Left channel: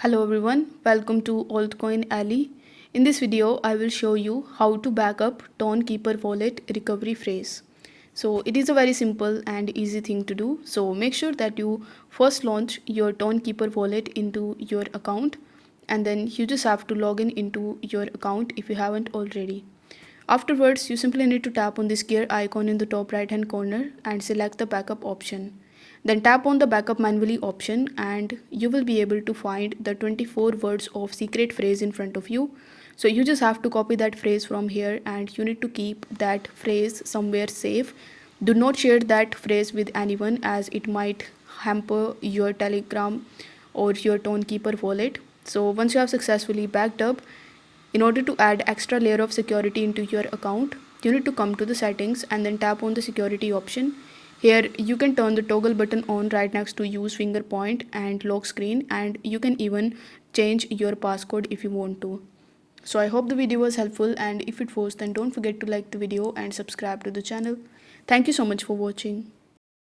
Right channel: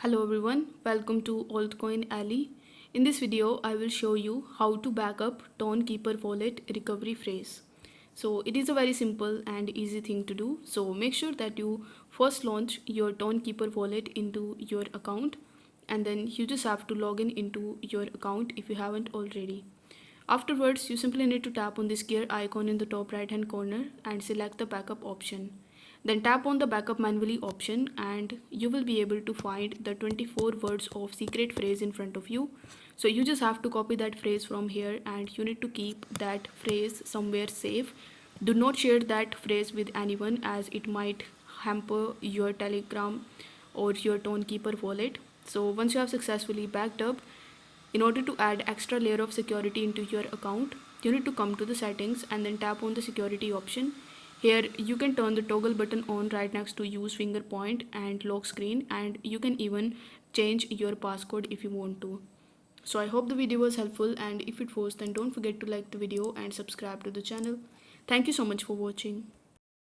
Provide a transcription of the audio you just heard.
Hello everyone, welcome to Altcoin Alley. In this video, I will show you how to back up Tonkeeper wallet recovery phrase. So it is a very simple and easy thing to do. So make sure that you first launch your Tonkeeper wallet into your account, and then you just have to log in into your account if you haven't already. Afterwards, you simply need to tap on this gear icon in the top right hand corner and select the backup option. Then tap on the backup manually option and you will be able to find the 24 words of secret phrase in front of you. So you just have to copy that phrase from here and you need to keep that phrase somewhere safe. Do not share that phrase with anyone as it might hamper your Telegram or your Tonekeeper wallet. So once you have successfully backed up, in order to add extra layer of security into your account, you need to come to the settings and then tap on the security option. Here you can turn the toggle button on right next to use finger point and lock screen, and you can even change your passcode if you want to. So I hope the video was helpful, and if it was, then don't forget to like the video and subscribe to the channel. Thank you so much for watching.